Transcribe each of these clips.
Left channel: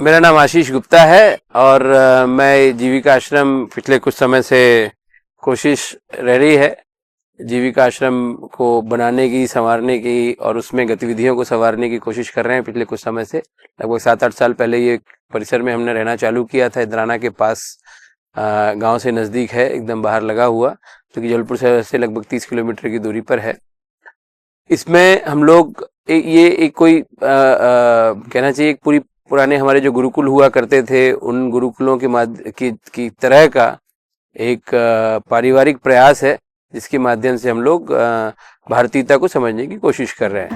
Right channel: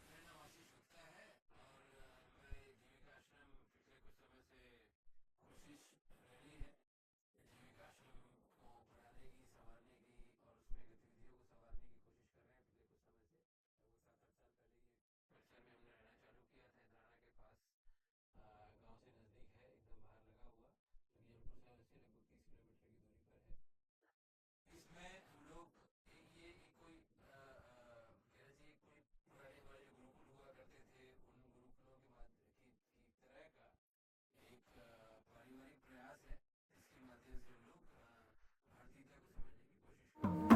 मेरा नाम आशीष गुप्ता है और मैं जीविका आश्रम पिछले कुछ समय से कोशिश रह रही है जीविका आश्रम को बनाने की, संवारने की और उसमें गतिविधियों को संवारने की कोशिश कर रहे हैं पिछले कुछ समय से। लगभग 7-8 साल पहले ये परिसर में हमने रहना चालू किया था। इंद्राना के पास गांव से नज़दीक है, एकदम बाहर लगा हुआ, जो कि जबलपुर शहर से लगभग 30 किलोमीटर की दूरी पर है। इसमें हम लोग ये एक कोई कहना चाहिए एक पूरी पुराने हमारे जो गुरुकुल हुआ करते थे उन गुरुकुलों की तरह का एक पारिवारिक प्रयास है, जिसके माध्यम से हम लोग भारतीयता को समझने की कोशिश कर रहे हैं।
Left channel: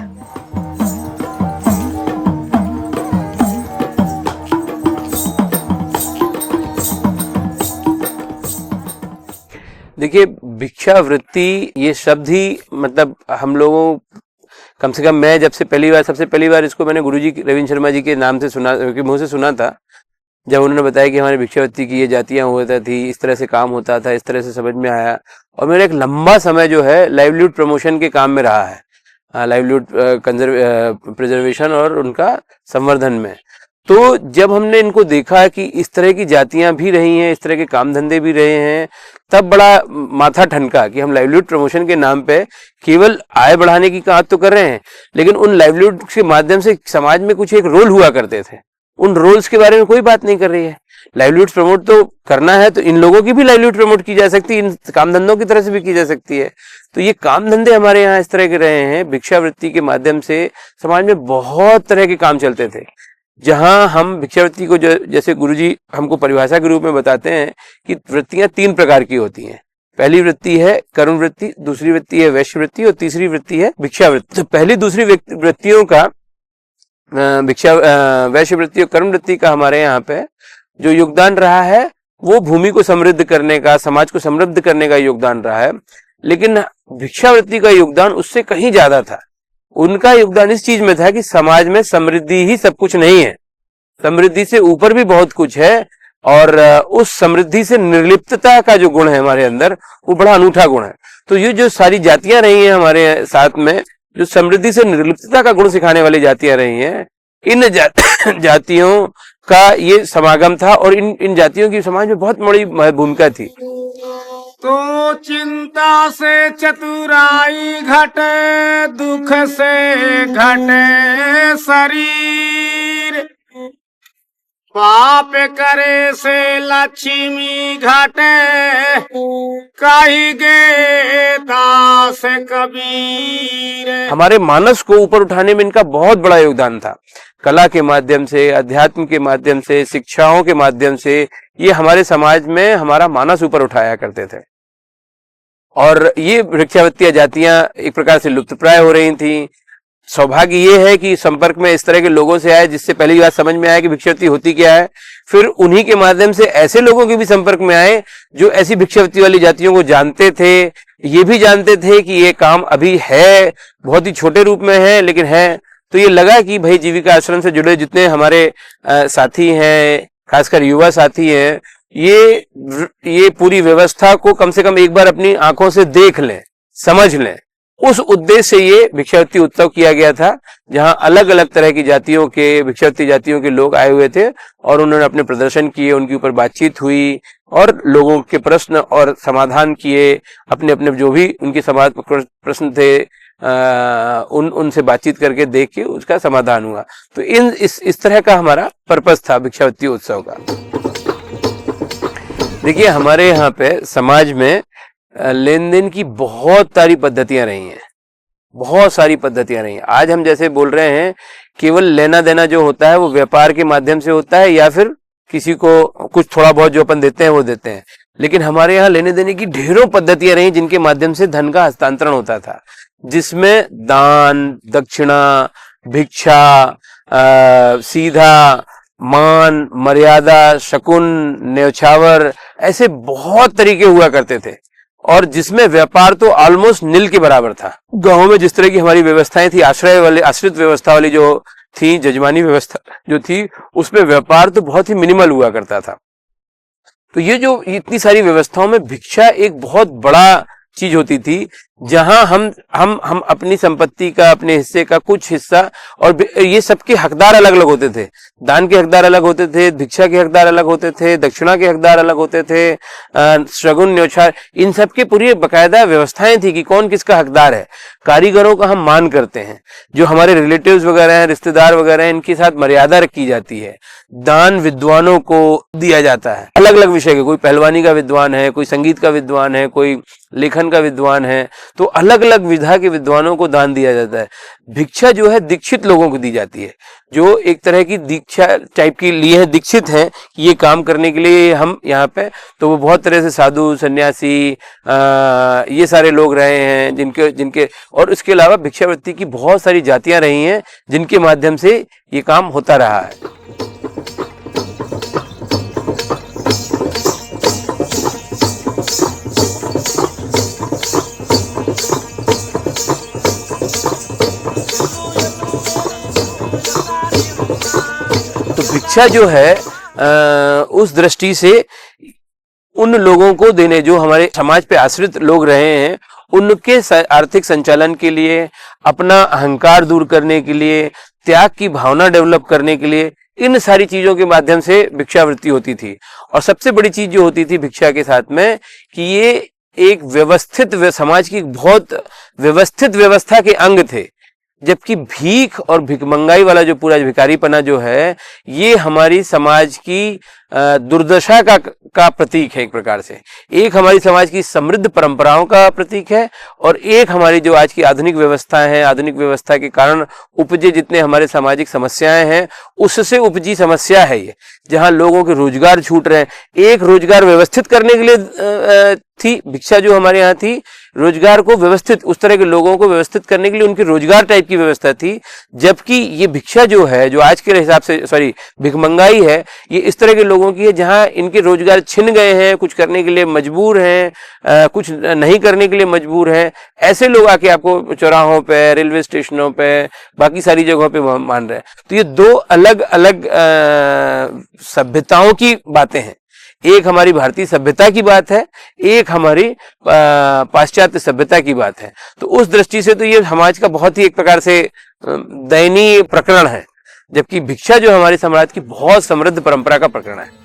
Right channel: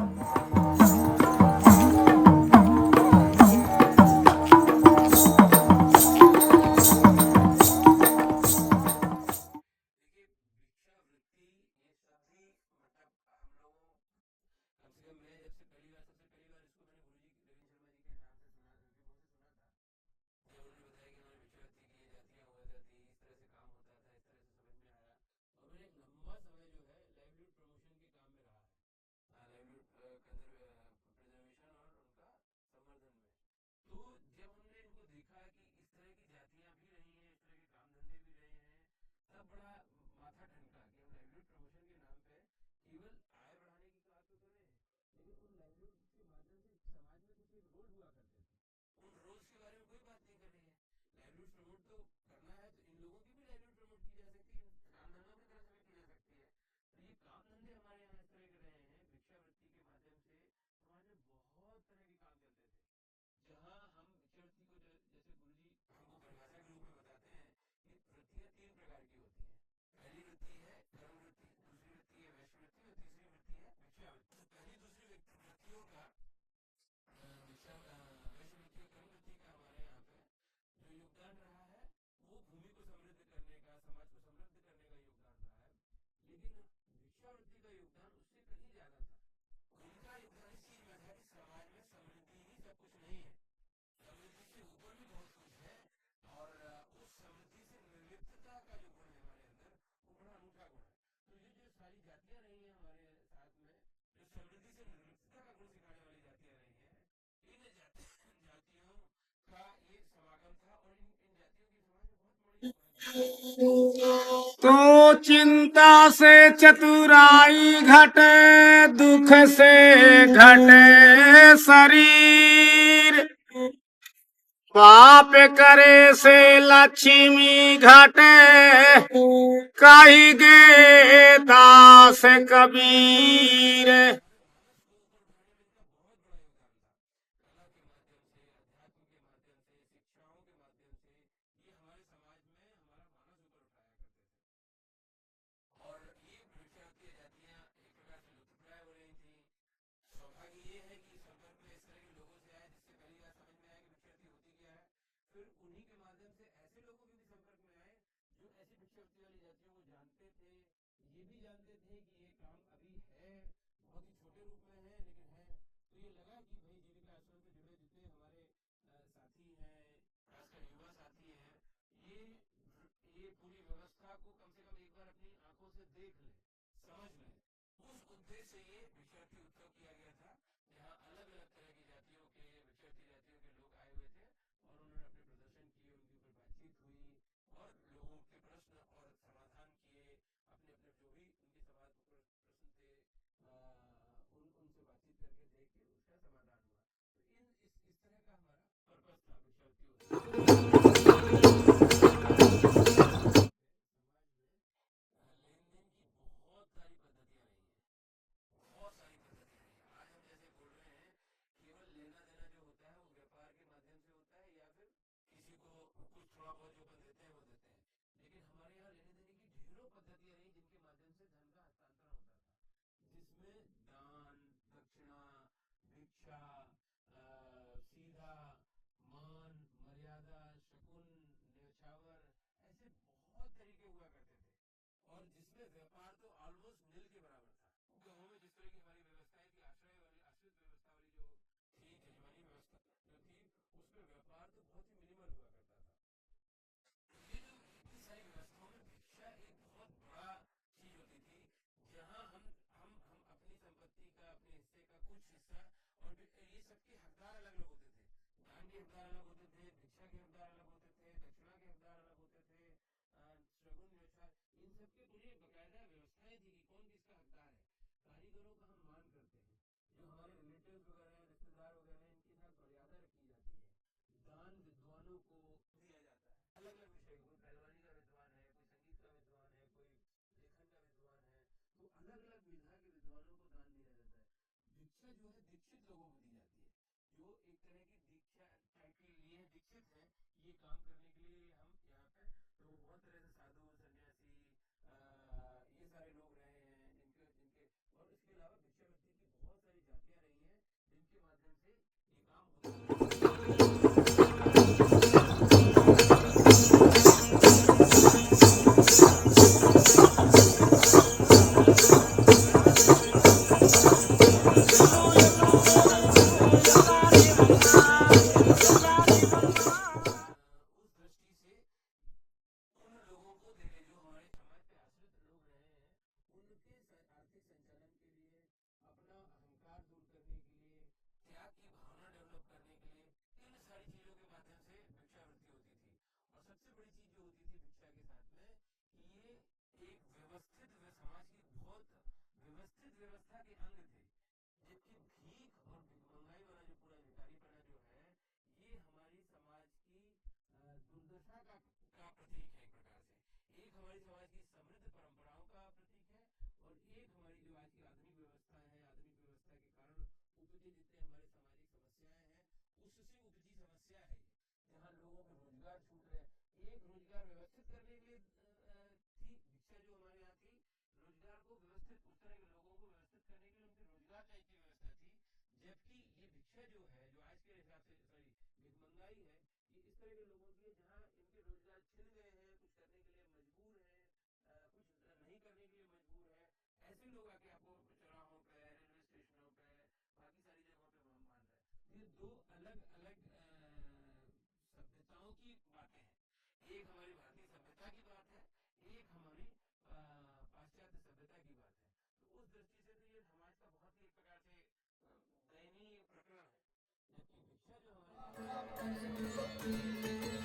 देखिए, भिक्षावृत्ति ये शब्द ही मतलब हम लोगों, कम से कम मैं जब से सबसे पहली बार इसको मैंने गुरुजी रविंद्र शर्मा जी के नाम से सुना, के मुंह से सुना था, जब उन्होंने बताया कि हमारे भिक्षावृत्ति की ये जातियां होता थी, इस तरह से काम होता था, इस तरह से समझ में आया। और मेरा एक लंबा समय जो है लाइवलीहुड प्रमोशन के काम में रहा है, लाइवलीहुड प्रिजर्वेशन और उनका संवर्धन में। तो जब हमने इनको देखा कि इस तरह की जातियां भी रही हैं, इस तरह के काम धंधे भी रहे हैं, तब बड़ा माथा ठनका कि हम लाइवलीहुड प्रमोशन के नाम पे केवल आय बढ़ाने की बात तो कर रहे हैं, लेकिन उन लाइवलीहुड के माध्यम से समाज में कुछ एक रोल हुआ करते थे, उन रोल्स के बारे में कोई बात नहीं कर रही है। लाइवलीहुड प्रमोट तो करना है तो इन लोगों की भी लाइवलीहुड प्रमोट की जा सकती है, इन काम धंधों की तरह से भी की जा सकती है। तो ये काम धंधे हमारे यहाँ इस तरह के रहे हैं, भिक्षावृत्ति के माध्यम से समाज में बहुत तरह के काम चलते थे, जहां हम भिक्षावृत्ति को जैसे गुरुजी हमको परिभाषा के रूप में बताते हैं कि वृत्तियां 3 प्रकार की होती हैं। पहली वृत्ति है करुण वृत्ति, दूसरी वृत्ति है वैश्य वृत्ति और तीसरी वृत्ति है भिक्षावृत्ति। तो पहली दूसरी वृत्तियों का वैश्य वृत्ति और कर्म वृत्ति का हमारे यहाँ पे जो योगदान रहा है वो भूमि को समृद्ध करने का, समाज को समृद्ध करने का योगदान रहा है। लेकिन भिक्षावृत्ति का योगदान उससे कहीं ज्यादा था। उनका योगदान इस चीज में था कि समाज में समृद्धि ही सब कुछ नहीं है, समृद्धि से ऊपर भी बहुत कुछ है, और उस समृद्धि से निर्लिप्तता का जो गुण है हमारे अंदर, वो बड़ा अनूठा गुण है। तो ये जो सारी जातियां रही हैं हमारे साथ में, जो समृद्धि से निर्लिप्तता का गुण सिखाने वाली जातियां रही हैं, इन जातियों का ये समागम था और इन जातियों की समाज में बहुत बड़ी भूमिका थी। तो चिंता से चतुराई घटे, दुख से घटे शरीर, पाप करे से लक्ष्मी घटे, कही गे दास कबीर। हमारे मानस को ऊपर उठाने में इनका बहुत बड़ा योगदान था। कला के माध्यम से, अध्यात्म के माध्यम से, शिक्षाओं के माध्यम से ये हमारे समाज में हमारा मानस ऊपर उठाया करते थे। और ये भिक्षावृत्तियां जातियां एक प्रकार से लुप्तप्राय हो रही थी। सौभाग्य ये है कि संपर्क में इस तरह के लोगों से आए जिससे पहली बात समझ में आया कि भिक्षावृत्ति होती क्या है। फिर उन्हीं के माध्यम से ऐसे लोगों के भी संपर्क में आए जो ऐसी भिक्षावृत्ति वाली जातियों को जानते थे, ये भी जानते थे कि ये काम अभी है, बहुत ही छोटे रूप में है, लेकिन है। तो ये लगा कि भाई जीविका आश्रम से जुड़े जितने हमारे साथी हैं, खासकर युवा साथी हैं, ये पूरी व्यवस्था को कम से कम एक बार अपनी आंखों से देख लें, समझ लें। उस उद्देश्य से ये भिक्षावृत्ति उत्सव किया गया था, जहां अलग अलग तरह की जातियों के, भिक्षावृत्ति जातियों के लोग आए हुए थे और उन्होंने अपने प्रदर्शन किए, उनके ऊपर बातचीत हुई और लोगों के प्रश्न और समाधान किए। अपने अपने जो भी उनके प्रश्न थे उनसे बातचीत करके देख के उसका समाधान हुआ। तो इस तरह का हमारा पर्पस था भिक्षावृत्ति उत्सव का। देखिए, हमारे यहाँ पे समाज में लेन देन की बहुत सारी पद्धतियां रही हैं, बहुत सारी पद्धतियां रही हैं। आज हम जैसे बोल रहे हैं, केवल लेना देना जो होता है वो व्यापार के माध्यम से होता है, या फिर किसी को कुछ थोड़ा बहुत जो अपन देते हैं वो देते हैं। लेकिन हमारे यहाँ लेने देने की ढेरों पद्धतियां रही जिनके माध्यम से धन का हस्तांतरण होता था, जिसमें दान, दक्षिणा, भिक्षा, सीधा, मान, मर्यादा, शकुन, न्यौछावर, ऐसे बहुत तरीके हुआ करते थे। और जिसमें व्यापार तो ऑलमोस्ट नील के बराबर था। गांव में जिस तरह की हमारी व्यवस्थाएं थी, आश्रित व्यवस्था वाली जो थी, जजमानी व्यवस्था जो थी, उसमें व्यापार तो बहुत ही मिनिमल हुआ करता था। तो ये जो इतनी सारी व्यवस्थाओं में भिक्षा एक बहुत बड़ा चीज होती थी, जहां हम अपनी संपत्ति का, अपने हिस्से का कुछ हिस्सा, और ये सबके हकदार अलग अलग होते थे। दान के हकदार अलग होते थे, भिक्षा के हकदार अलग होते थे, दक्षिणा के हकदार अलग होते थे, शगुन न्योछावर, इन सब के पूरी बकायदा व्यवस्थाएं थी कि कौन किसका हकदार है। कारीगरों का हम मान करते हैं, जो हमारे रिलेटिव्स वगैरह हैं, रिश्तेदार वगैरह हैं, इनके साथ मर्यादा रखी जाती है। दान विद्वानों को दिया जाता है, अलग अलग विषय के, कोई पहलवानी का विद्वान है, कोई संगीत का विद्वान है, कोई लेखन का विद्वान है, तो अलग अलग विधा के विद्वानों को दान दिया जाता है। भिक्षा जो है दीक्षित लोगों को दी जाती है, जो एक तरह की दीक्षा टाइप की लिए है, दीक्षित हैं कि ये काम करने के लिए हम यहाँ पे, तो वो बहुत तरह से साधु सन्यासी ये सारे लोग रहे हैं जिनके जिनके और उसके अलावा भिक्षावृत्ति की बहुत सारी जातियां रही हैं जिनके माध्यम से ये काम होता रहा है। भिक्षा जो है उस दृष्टि से उन लोगों को देने, जो हमारे समाज पे आश्रित लोग रहे हैं, उनके आर्थिक संचालन के लिए, अपना अहंकार दूर करने के लिए, त्याग की भावना डेवलप करने के लिए, इन सारी चीजों के माध्यम से भिक्षावृत्ति होती थी। और सबसे बड़ी चीज जो होती थी भिक्षा के साथ में कि ये एक व्यवस्थित समाज की बहुत व्यवस्थित व्यवस्था के अंग थे। जबकि भीख और भिखमंगाई वाला जो पूरा भिखारीपना जो है, ये हमारी समाज की दुर्दशा का प्रतीक है। एक प्रकार से एक हमारी समाज की समृद्ध परंपराओं का प्रतीक है, और एक हमारी जो आज की आधुनिक व्यवस्था है, आधुनिक व्यवस्था के कारण उपजे जितने हमारे सामाजिक समस्याएं हैं, उससे उपजी समस्या है ये, जहां लोगों के रोजगार छूट रहे हैं। एक रोजगार व्यवस्थित करने के लिए थी भिक्षा जो हमारे यहाँ थी, रोजगार को व्यवस्थित, उस तरह के लोगों को व्यवस्थित करने के लिए उनकी रोजगार टाइप की व्यवस्था थी। जबकि ये भिक्षा जो है, जो आज के हिसाब से भिखमंगाई है, ये इस तरह के लोगों की है जहां इनके रोजगार छिन गए हैं, कुछ करने के लिए मजबूर हैं, कुछ नहीं करने के लिए मजबूर हैं। ऐसे लोग आके आपको चौराहों पे, रेलवे स्टेशनों पे, बाकी सारी जगहों पे मान रहे हैं। तो ये दो अलग अलग सभ्यताओं की बातें हैं। एक हमारी भारतीय सभ्यता की बात है, एक हमारी पाश्चात्य सभ्यता की बात है। तो उस दृष्टि से तो ये समाज का बहुत ही एक प्रकार से दयनीय प्रकरण है, जबकि भिक्षा जो हमारे समाज की बहुत समृद्ध परंपरा का प्रकरण है।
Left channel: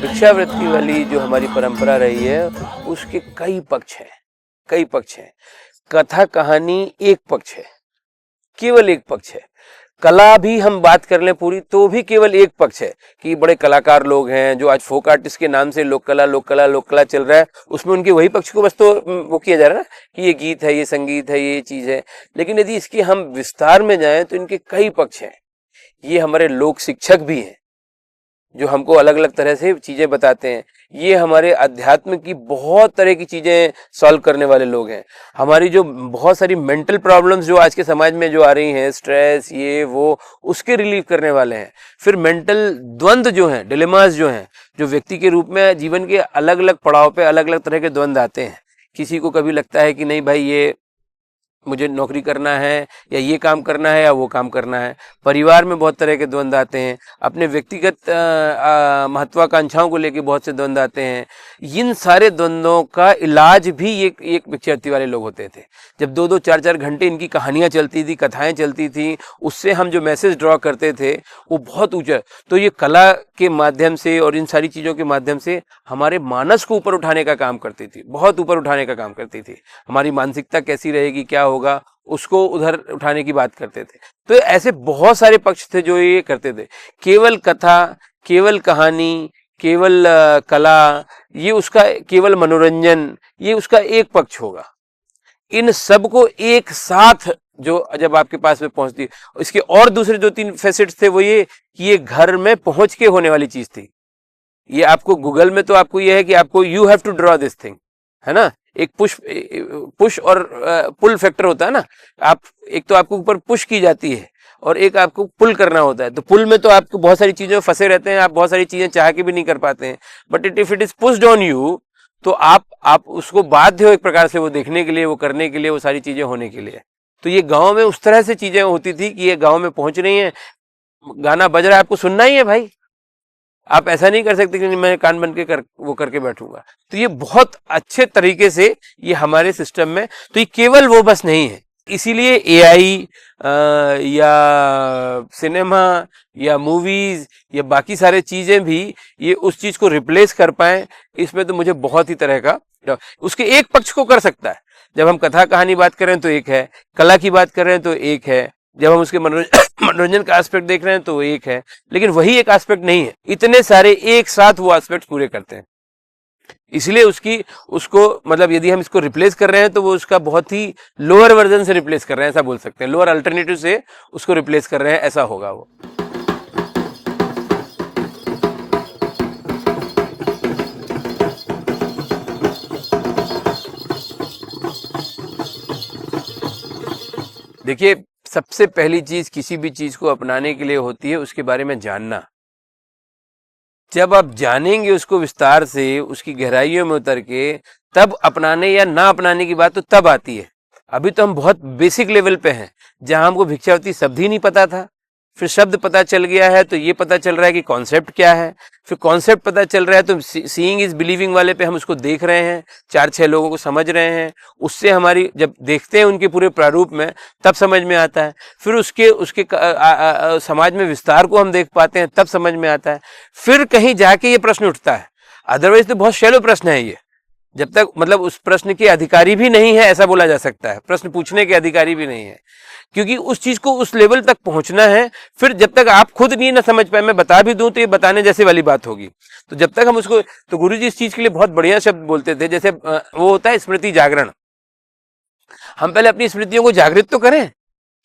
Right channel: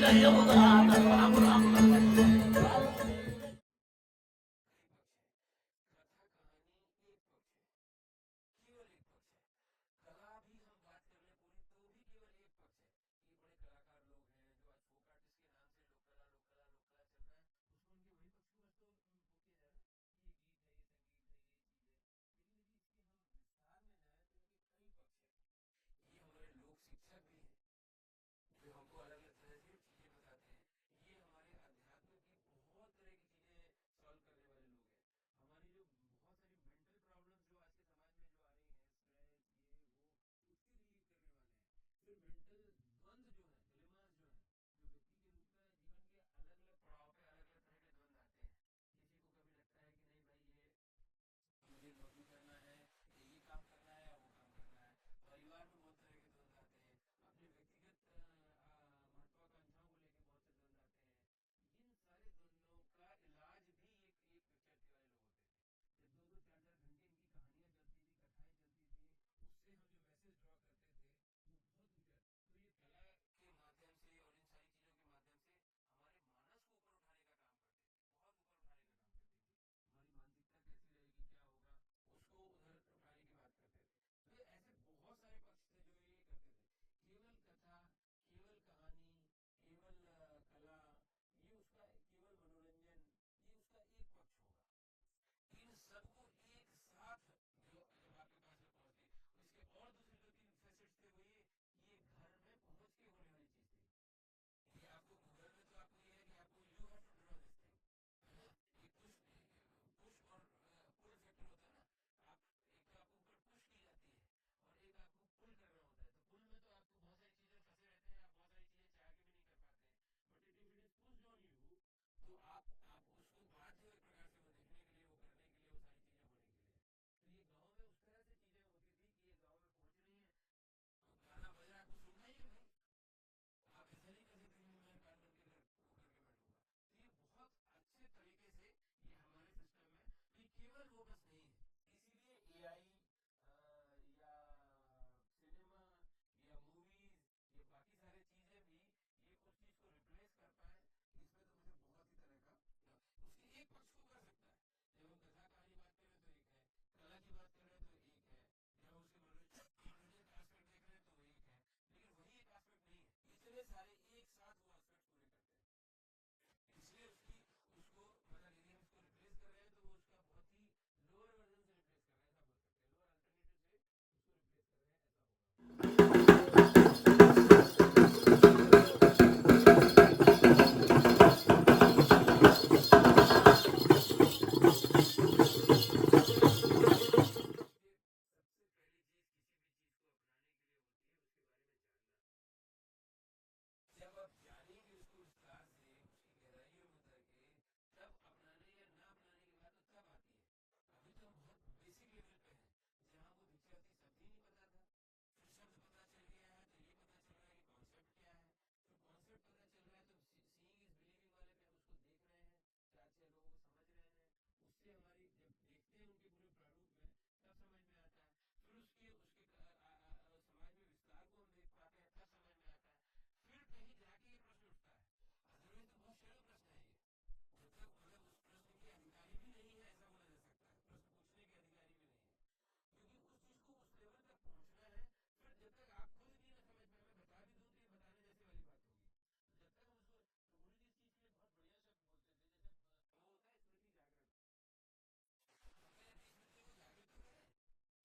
भिक्षावृत्ति वाली जो हमारी परंपरा रही है, उसके कई पक्ष हैं। कथा कहानी एक पक्ष है, केवल एक पक्ष है। कला भी हम बात कर लें पूरी, तो भी केवल एक पक्ष है कि बड़े कलाकार लोग हैं, जो आज फोक आर्टिस्ट के नाम से लोक कला चल रहा है, उसमें उनके वही पक्ष को बस तो वो किया जा रहा है ना कि ये गीत है, ये संगीत है, ये चीज है। लेकिन यदि इसकी हम विस्तार में जाएं तो इनके कई पक्ष हैं। ये हमारे लोक शिक्षक भी हैं, जो हमको अलग अलग तरह से चीजें बताते हैं। ये हमारे अध्यात्म की बहुत तरह की चीजें सॉल्व करने वाले लोग हैं। हमारी जो बहुत सारी मेंटल प्रॉब्लम्स जो आज के समाज में जो आ रही हैं, स्ट्रेस, ये वो, उसके रिलीव करने वाले हैं। फिर मेंटल द्वंद्व जो हैं, डिलेमास जो हैं, जो व्यक्ति के रूप में जीवन के अलग अलग पड़ाव पे अलग अलग तरह के द्वंद्व आते हैं। किसी को कभी लगता है कि नहीं भाई, ये मुझे नौकरी करना है, या ये काम करना है, या वो काम करना है। परिवार में बहुत तरह के द्वंद्व आते हैं। अपने व्यक्तिगत महत्वाकांक्षाओं को लेकर बहुत से द्वंद्व आते हैं। इन सारे द्वंद्वों का इलाज भी एक भिक्षावृत्ति वाले लोग होते थे। जब 2-2, 4-4 घंटे इनकी कहानियां चलती थी, कथाएं चलती थी, उससे हम जो मैसेज ड्रॉ करते थे वो बहुत ऊंचा। तो ये कला के माध्यम से और इन सारी चीजों के माध्यम से हमारे मानस को ऊपर उठाने का काम करती थी, बहुत ऊपर उठाने का काम करती थी। हमारी मानसिकता कैसी रहेगी, क्या होगा, उसको उधर उठाने की बात करते थे। तो ऐसे बहुत सारे पक्ष थे जो ये करते थे। केवल कथा, केवल कहानी, केवल कला, ये उसका केवल मनोरंजन, ये उसका एक पक्ष होगा। इन सब को एक साथ जो जब आपके पास में पहुंचती है, इसके और दूसरे 2-3 फैसेट्स थे, वो ये कि ये घर में पहुंच के होने वाली चीज थी। ये आपको गूगल में तो आपको ये है कि आपको you have to draw this thing, है ना। एक पुश और पुल फैक्टर होता है ना। आप एक तो आपको ऊपर पुश की जाती है और एक आपको पुल करना होता है। तो पुल में तो आपको बहुत सारी चीजें फंसे रहते हैं, आप बहुत सारी चीजें चाह के भी नहीं कर पाते हैं। But if it is pushed on you, तो आप उसको बाध्य हो एक प्रकार से वो देखने के लिए, वो करने के लिए, वो सारी चीजें होने के लिए। तो ये गांव में उस तरह से चीजें होती थी कि ये गांव में पहुंच रही हैं, गाना बज रहा है, आपको सुनना ही है भाई, आप ऐसा नहीं कर सकते कि मैं कान बन के वो करके बैठूंगा। तो ये बहुत अच्छे तरीके से ये हमारे सिस्टम में, तो ये केवल वो बस नहीं है, इसीलिए एआई या सिनेमा या मूवीज या बाकी सारे चीजें भी ये उस चीज को रिप्लेस कर पाए, इसमें तो मुझे बहुत ही तरह का, उसके एक पक्ष को कर सकता है। जब हम कथा कहानी बात कर रहे हैं तो एक है, कला की बात कर रहे हैं तो एक है, जब हम उसके मनोरंजन का एस्पेक्ट देख रहे हैं तो एक है, लेकिन वही एक एस्पेक्ट नहीं है, इतने सारे एक साथ वो एस्पेक्ट पूरे करते हैं। इसलिए उसको मतलब यदि हम इसको रिप्लेस कर रहे हैं तो वो उसका बहुत ही लोअर वर्जन से रिप्लेस कर रहे हैं, ऐसा बोल सकते हैं, लोअर अल्टरनेटिव से उसको रिप्लेस कर रहे हैं, ऐसा होगा वो। देखिए, सबसे पहली चीज किसी भी चीज को अपनाने के लिए होती है उसके बारे में जानना। जब आप जानेंगे उसको विस्तार से, उसकी गहराइयों में उतर के, तब अपनाने या ना अपनाने की बात तो तब आती है। अभी तो हम बहुत बेसिक लेवल पे हैं, जहां हमको भिक्षावती शब्द ही नहीं पता था, फिर शब्द पता चल गया है तो ये पता चल रहा है कि कॉन्सेप्ट क्या है, फिर कॉन्सेप्ट पता चल रहा है तो सीइंग इज बिलीविंग वाले पे हम उसको देख रहे हैं, 4-6 लोगों को समझ रहे हैं, उससे हमारी जब देखते हैं उनके पूरे प्रारूप में तब समझ में आता है, फिर उसके समाज में विस्तार को हम देख पाते हैं तब समझ में आता है, फिर कहीं जाके ये प्रश्न उठता है। अदरवाइज तो बहुत शैलो प्रश्न है ये, जब तक मतलब उस प्रश्न के अधिकारी भी नहीं है ऐसा बोला जा सकता है, प्रश्न पूछने के अधिकारी भी नहीं है, क्योंकि उस चीज को उस लेवल तक पहुंचना है। फिर जब तक आप खुद नहीं ना समझ पाए, मैं बता भी दूं तो ये बताने जैसे वाली बात होगी, तो जब तक हम उसको, तो गुरुजी इस चीज के लिए बहुत बढ़िया शब्द बोलते थे, जैसे वो होता है स्मृति जागरण। हम पहले अपनी स्मृतियों को जागृत तो करें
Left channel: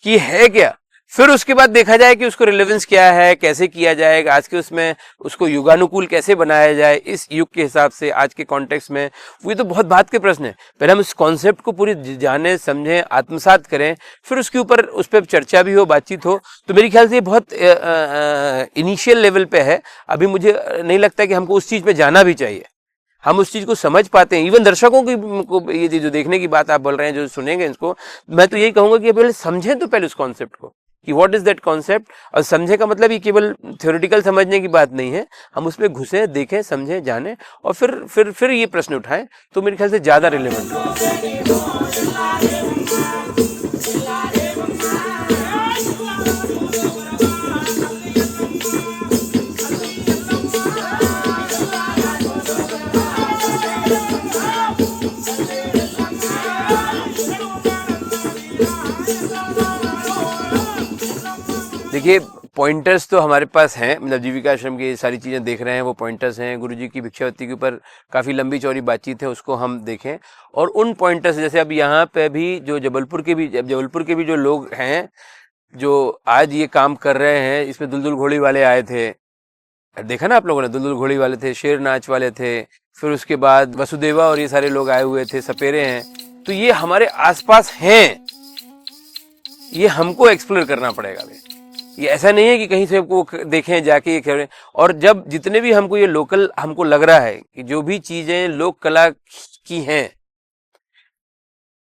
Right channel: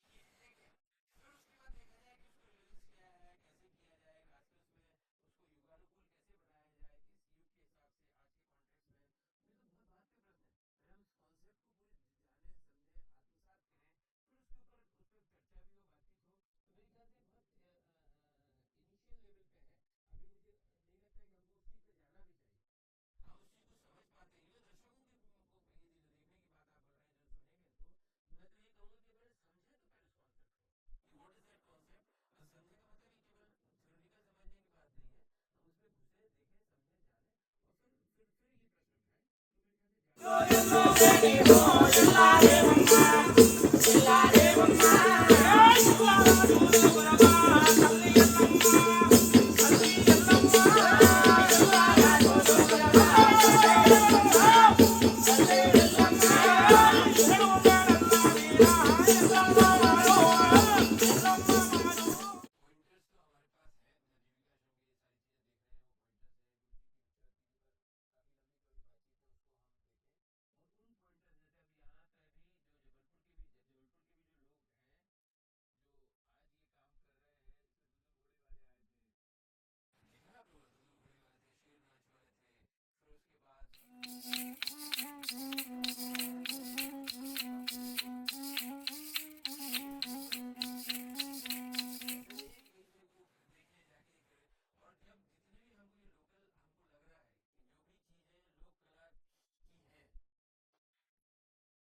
कि है क्या, फिर उसके बाद देखा जाए कि उसको रिलेवेंस क्या है, कैसे किया जाएगा, आज के उसमें उसको युगानुकूल कैसे बनाया जाए इस युग के हिसाब से, आज के कॉन्टेक्स्ट में। वो तो बहुत बात के प्रश्न है, पहले हम इस कॉन्सेप्ट को पूरी जाने समझें, आत्मसात करें, फिर उसके ऊपर उस पर चर्चा भी हो, बातचीत हो। तो मेरे ख्याल से ये बहुत इनिशियल लेवल पे है, अभी मुझे नहीं लगता कि हमको उस चीज पे जाना भी चाहिए, हम उस चीज को समझ पाते हैं। इवन दर्शकों की को ये जो देखने की बात आप बोल रहे हैं, जो सुनेंगे इसको, मैं तो यही कहूंगा कि पहले समझें तो पहले उस कॉन्सेप्ट को कि व्हाट इज दैट कॉन्सेप्ट। और समझे का मतलब ये केवल थ्योरेटिकल समझने की बात नहीं है, हम उसमें घुसे, देखें, समझें, जाने और फिर ये प्रश्न उठाएं, तो मेरे ख्याल से ज्यादा रिलेवेंट देखिए, पॉइंटर्स तो हमारे पास हैं, मतलब जीविका आश्रम की सारी चीज़ें देख रहे हैं, वो पॉइंटर्स हैं। गुरुजी की भिक्षावती के ऊपर काफ़ी लंबी चौड़ी बातचीत है, उसको हम देखें। और उन पॉइंटर्स, जैसे अब यहाँ पे भी जो जबलपुर के भी जो लोग हैं जो आज ये काम कर रहे हैं, इसमें दुलदुल घोड़ी वाले आए थे, देखा ना आप लोगों ने, दुलदुल घोड़ी वाले थे, शेर नाच वाले थे, फिर उसके बाद वसुदेवा और ये सारे लोग आए हुए थे, सपेरे हैं। तो ये हमारे आसपास हैं, ये हमको एक्सप्लोर करना पड़ेगा। ये ऐसा नहीं है कि कहीं से आपको देखें जाके ये करें। और जब जितने भी हमको ये लोकल हमको लग रहा है कि जो भी चीजें लोक कला की हैं,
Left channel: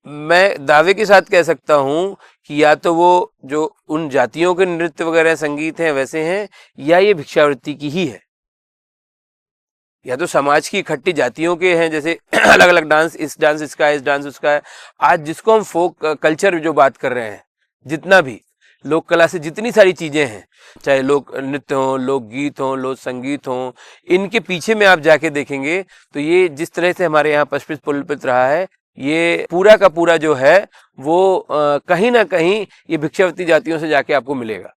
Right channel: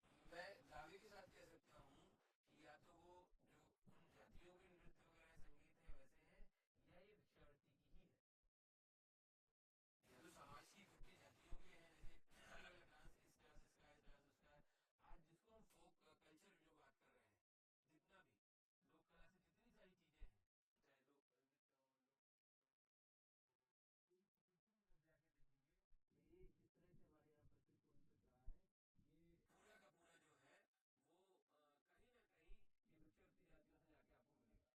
मैं दावे के साथ कह सकता हूं कि या तो वो जो उन जातियों के नृत्य वगैरह संगीत हैं वैसे हैं, या ये भिक्षावृत्ति की ही है, या तो समाज की इकट्ठी जातियों के हैं, जैसे अलग अलग डांस, इस डांस इसका है, इस डांस उसका है। आज जिसको हम फोक कल्चर जो बात कर रहे हैं, जितना भी लोक कला से जितनी सारी चीजें हैं, चाहे लोक नृत्य हो, लोक गीत हो, लोक संगीत हो, इनके पीछे में आप जाके देखेंगे तो ये जिस तरह से हमारे यहाँ पष्पित पुलपित रहा है, ये पूरा का पूरा जो है वो कहीं ना कहीं ये भिक्षावती जातियों से जाके आपको मिलेगा।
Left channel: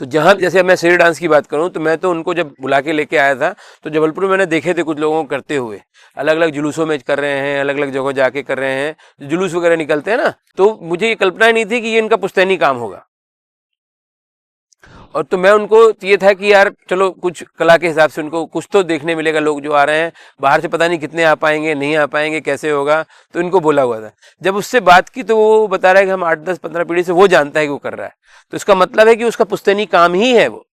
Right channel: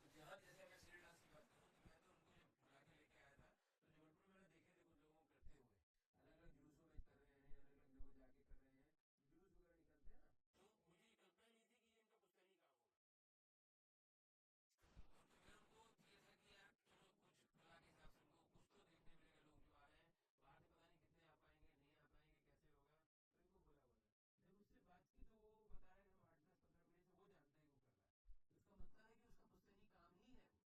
तो जहां, जैसे मैं शेर डांस की बात करूं, तो मैं तो उनको जब बुला के लेके आया था तो जबलपुर में मैंने देखे थे कुछ लोगों को करते हुए, अलग अलग जुलूसों में कर रहे हैं, अलग अलग जगह जाके कर रहे हैं, जुलूस वगैरह निकलते हैं ना, तो मुझे ये कल्पना ही नहीं थी कि ये इनका पुश्तैनी काम होगा। और तो मैं उनको ये था कि यार चलो कुछ कला के हिसाब से उनको कुछ तो देखने मिलेगा, लोग जो आ रहे हैं बाहर से पता नहीं कितने आ पाएंगे, नहीं आ पाएंगे, कैसे होगा, तो इनको बोला हुआ था। जब उससे बात की तो वो बता रहा है कि हम 8-10-15 पीढ़ी से वो जानता है कि वो कर रहा है, तो इसका मतलब है कि उसका पुश्तैनी काम ही है वो,